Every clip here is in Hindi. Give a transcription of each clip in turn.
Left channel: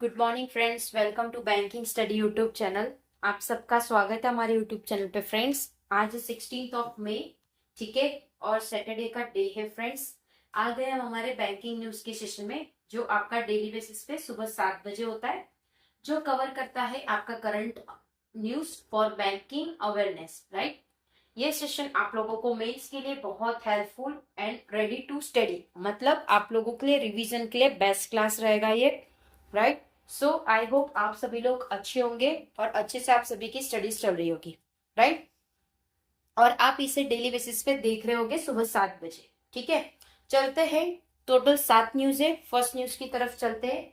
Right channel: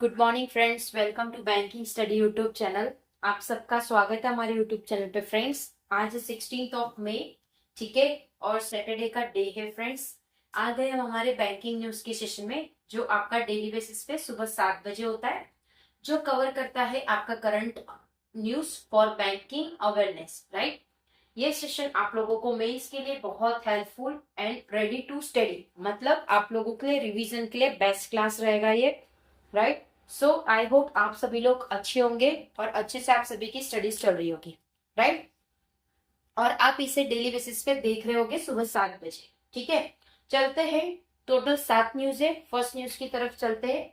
Good morning friends, welcome to banking study YouTube channel. आप सबका स्वागत है हमारे यूट्यूब चैनल पे। फ्रेंड्स, आज 16 मई, ठीक है, और सैटरडे का डे है। फ्रेंड्स, आ गए हम हमारे बैंकिंग न्यूज के सेशन में, जो आपका डेली बेसिस पे सुबह 7 बजे होता है, जो कवर करता है आपका current news for banking awareness. Right, ये सेशन आप लोगों को मेंस के लिए बहुत helpful and ready to study, मतलब आप लोगों के लिए रिवीजन के लिए बेस्ट क्लास रहेगा ये। राइट, सो आई होप आप सभी लोग अच्छे होंगे और अच्छे से आप सभी की स्टडीज चल रही होगी। राइट, और आप इसे डेली बेसिस पे देख रहे होगे सुबह 7 बजे। ठीक है, चलते हैं। टोटल 7 न्यूज है। फर्स्ट न्यूज की तरफ चलते हैं।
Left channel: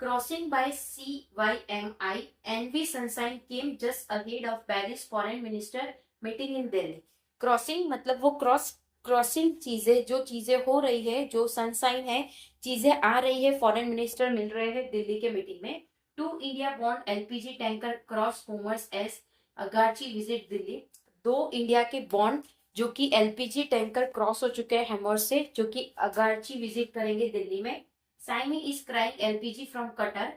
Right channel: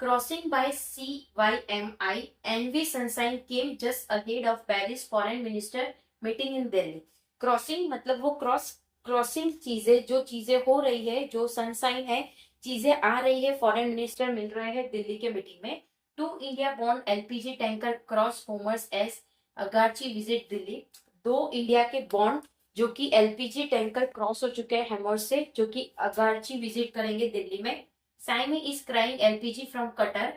Crossing by CYMI, NV Sunshine came just ahead of Paris foreign minister meeting in Delhi. Crossing मतलब वो क्रॉसिंग चीजें, जो चीजें हो रही है, जो सनसाइन है, चीजें आ रही है, फॉरेन मिनिस्टर मिल रहे हैं दिल्ली के मीटिंग में। टू इंडिया बॉर्न LPG tanker cross Hormuz as Araghchi visit Delhi. दो इंडिया के बॉन्ड जो कि एलपीजी टैंकर क्रॉस हो चुके हैं हैमर से, जो कि अगाची विजिट करेंगे दिल्ली में। Saimi is crying LPG from Qatar.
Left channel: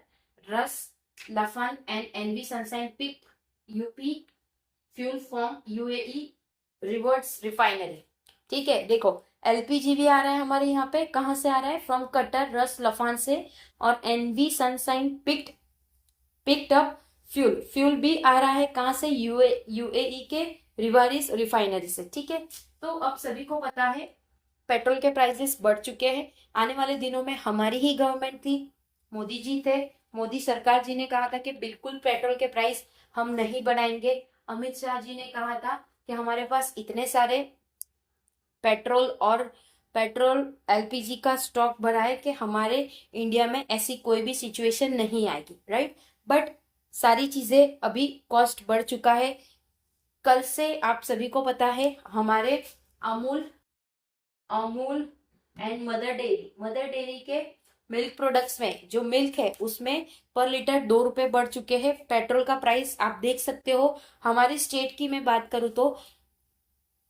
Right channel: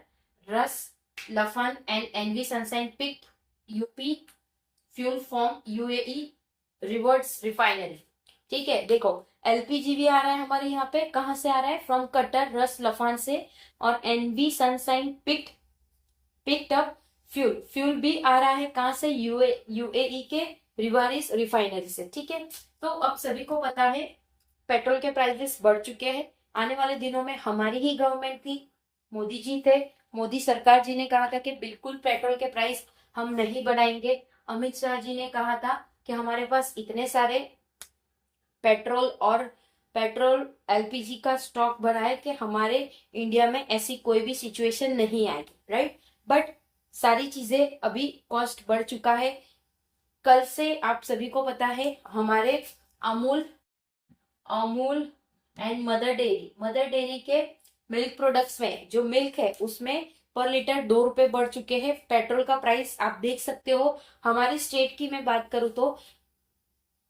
Russ Lafan and Envy Sunshine picked UP fuel from UAE reverts refinery. ठीक है, देखो, एलपीजी भी आ रहा है हमारे यहाँ पे। कहाँ से आ रहा है? फ्रॉम कटर, रस लफान से। और NV Sunshine picked up fuel भी आ रहा है। कहाँ से? यूएई के रिवारिस रिफाइनरी से। ठीक है, तो अब सभी को पता है पेट्रोल के प्राइसेस बढ़ चुके हैं। आने वाले दिनों में हमारी ही गवर्नमेंट थी, मोदी जी थे, मोदी सरकार जी ने कहा था कि बिल्कुल पेट्रोल के प्राइस हम नहीं बढ़ाएंगे। अमित शाह जी ने कहा था कि हमारे पास इतने सारे पेट्रोल एलपीजी का स्टॉक भरा है कि हमारे इंडिया में ऐसी कोई भी सिचुएशन नहीं आएगी। राइट, बट सारी चीजें अभी कॉस्ट बढ़ चुका है। कल से आप सभी को पता है हमारे Amul Amul and mother dairy के मिल्क प्रोडक्ट्स में जो मिल्क है उसमें पर लीटर 2 रुपए बढ़ चुके हैं। पेट्रोल का प्राइस आप देख सकते हो। हमारे स्टेट की मैं बात करूं तो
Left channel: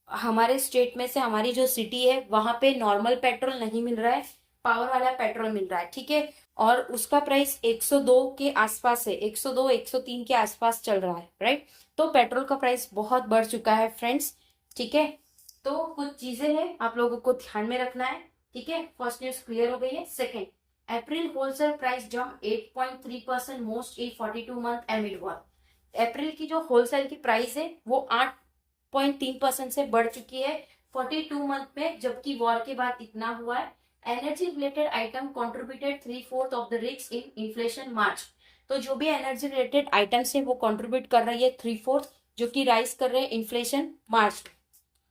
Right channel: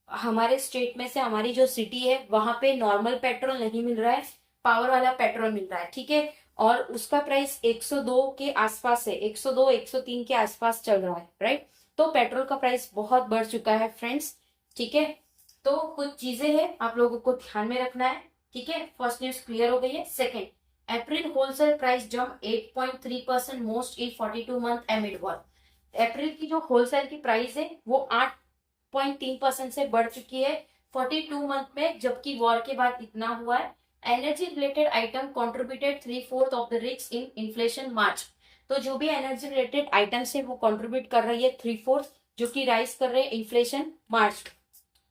हमारे स्टेट में से हमारी जो सिटी है वहां पे नॉर्मल पेट्रोल नहीं मिल रहा है, पावर वाला पेट्रोल मिल रहा है। ठीक है, और उसका प्राइस 102 के आसपास है, 102 103 के आसपास चल रहा है। राइट, तो पेट्रोल का प्राइस बहुत बढ़ चुका है फ्रेंड्स। ठीक है, तो कुछ चीजें हैं आप लोगों को ध्यान में रखना है। ठीक है, फर्स्ट न्यूज क्लियर हो गई है। Second, April wholesale price jump 8.3% most in 42 month amid war. April की जो होलसेल की प्राइस है वो 8.3% से बढ़ चुकी है 42 मंथ में, जबकि वॉर के बाद इतना हुआ है। Energy related item contributed 3/4 of the risk in inflation March. तो जो भी एनर्जी रिलेटेड आइटम्स है वो कॉन्ट्रीब्यूट कर रही है 3/4, जो कि राइज कर रहे हैं इन्फ्लेशन मार्च।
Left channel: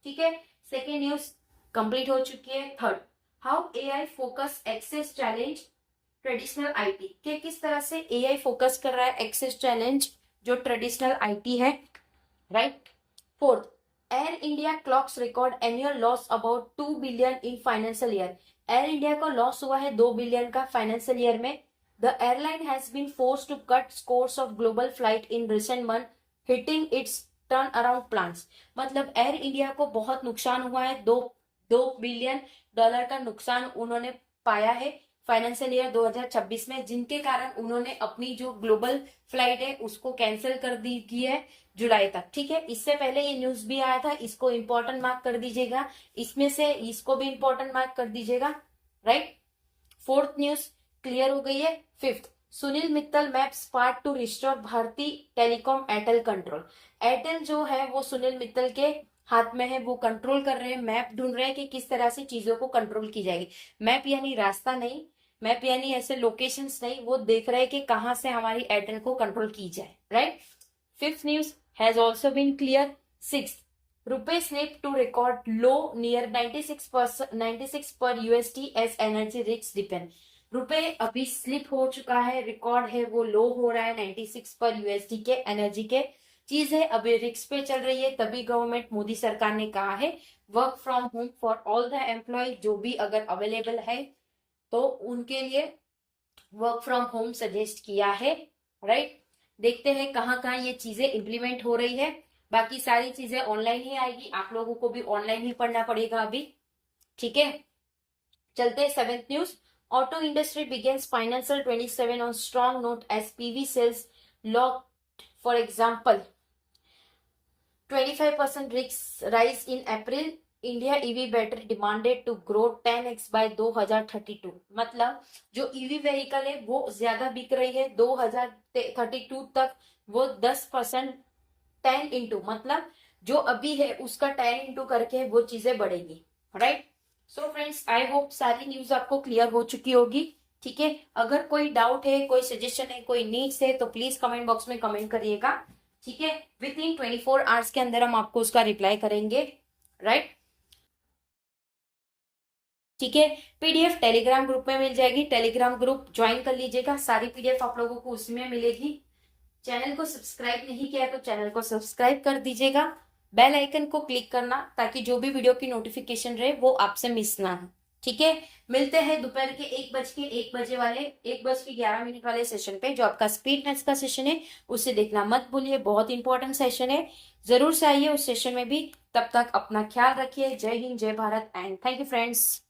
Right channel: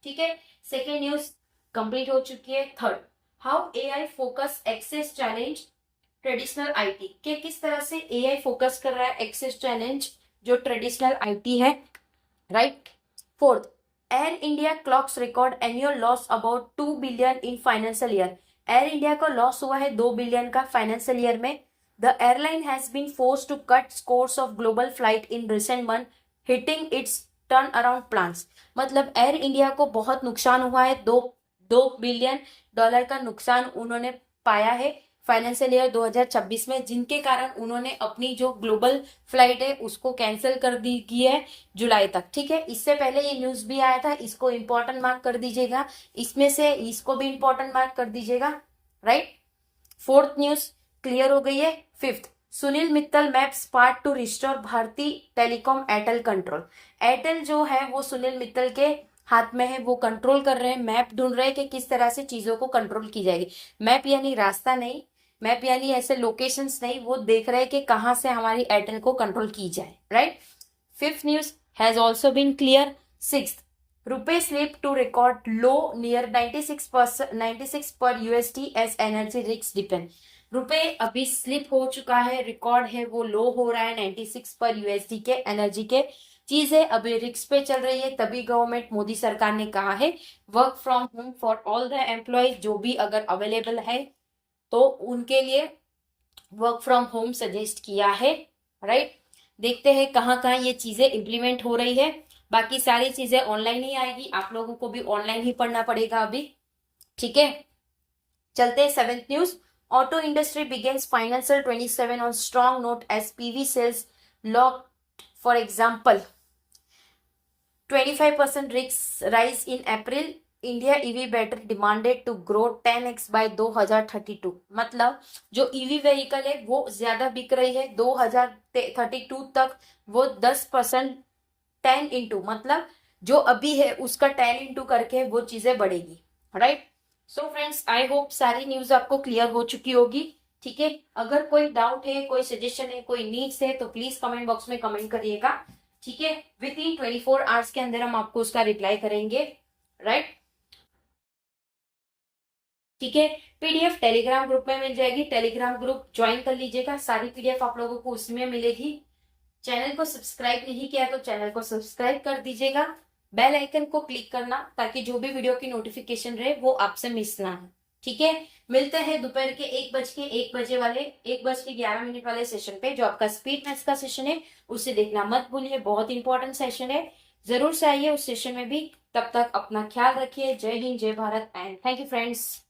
ठीक है, सेकेंड न्यूज कंप्लीट हो चुकी है। Third, how AI focus access challenge traditional IT, के किस तरह से एआई फोकस कर रहा है एक्सेस चैलेंज जो ट्रेडिशनल आईटी है। Right, fourth, Air India clocks record annual loss about 2 billion in financial year. Air India का लॉस हुआ है 2 बिलियन का फाइनेंशियल ईयर में। The airline has been forced to cut scores of global flight in recent month, hitting its turn around plans. मतलब एयर इंडिया को बहुत नुकसान हुआ है, 2 बिलियन डॉलर का नुकसान उन्होंने पाया है फाइनेंशियल ईयर 2026 में, जिनके कारण उन्होंने अपनी जो ग्लोबल फ्लाइट है उसको कैंसिल कर दी की है जुलाई तक। ठीक है, इससे पहले ये न्यूज भी आया था, इसको इंपॉर्टेंट मार्क कर दीजिएगा, इसमें से इसको भी इंपॉर्टेंट मार्क कर दीजिएगा। राइट, फोर्थ न्यूज क्लियर हो गई है। Fifth, Sunil Mittal maps part to restore Bharti Telecom Airtel control. Airtel जो है वो सुनील मित्तल के हाथ में है, वो कंट्रोल कर रहे हैं, मैप ढूंढ रहे हैं कि किस तरह से चीजों को कंट्रोल की जाएगी। मैप यानी रास्ता नहीं, मैप यानी ऐसे लोकेशंस नहीं, वो देख रहे हैं कि कहां से हमारी एयरटेल को कंट्रोल की जाए। Right, fifth news has also been clear. Sixth, rupee slip to record low near 96 per USD as energy risk depend. रुपए अभी स्लिप हो चुका है, रिकॉर्ड है वो लो हो रहा है 96 पर यूएसडी के एनर्जी के। चीजें अभी रिस्क पे चल रही है, तभी गवर्नमेंट मोदी सरकार ने कहा है work from home for all the employ, जो भी अगर अवेलेबल है तो उनके लिए वर्क फ्रॉम होम सजेस्ट किया है। राइट, देखते हैं कहाँ कहाँ ये चीजें इम्प्लीमेंट हो रही है। बाकी सारी चीजें ऑनलाइन ही आएगी, आप लोगों को भी ऑनलाइन ही पढ़ना पड़ेगा अभी। ठीक है, चलते हैं seventh news. Auto industry begins financial 27 on strong note as PV sales locked, for example, 25% rise in April. India EV battery demanded to grow 10x by 2032। मतलब जो ईवी व्हीकल है वो ज्यादा बिक रही है 2032 तक, वो 10% 10 इंटू, मतलब जो अभी है उसका 10 इंटू करके वो चीजें बढ़ेगी, right. So friends, I hope सारी न्यूज आपको क्लियर हो चुकी होगी। ठीक है, अगर कोई डाउट है, कोई सजेशन है, कोई नीड्स है तो प्लीज कमेंट बॉक्स में कमेंट करिएगा। ठीक है, विद इन 24 आवर्स के अंदर हम आपको उसका रिप्लाई करेंगे, राइट। ठीक है, पीडीएफ टेलीग्राम ग्रुप में मिल जाएगी, टेलीग्राम ग्रुप ज्वाइन कर लीजिएगा, सारी पीडीएफ आप लोगों को उसमें मिलेगी। चैनल को सब्सक्राइब नहीं किया तो चैनल को सब्सक्राइब कर दीजिएगा, बेल आइकन को क्लिक करना ताकि जो भी वीडियो की नोटिफिकेशन रहे वो आपसे मिस ना हो। ठीक है, मिलते हैं दोपहर के 1 बजे वाले 1:11 वाले सेशन पे, जो आपका स्पीड मैथ्स का सेशन है, उसे देखना मत भूलिए, बहुत इंपॉर्टेंट सेशन है, जरूर से आइए उस सेशन में भी। तब तक अपना ख्याल रखिए। जय हिंद, जय Bharat and thank you friends.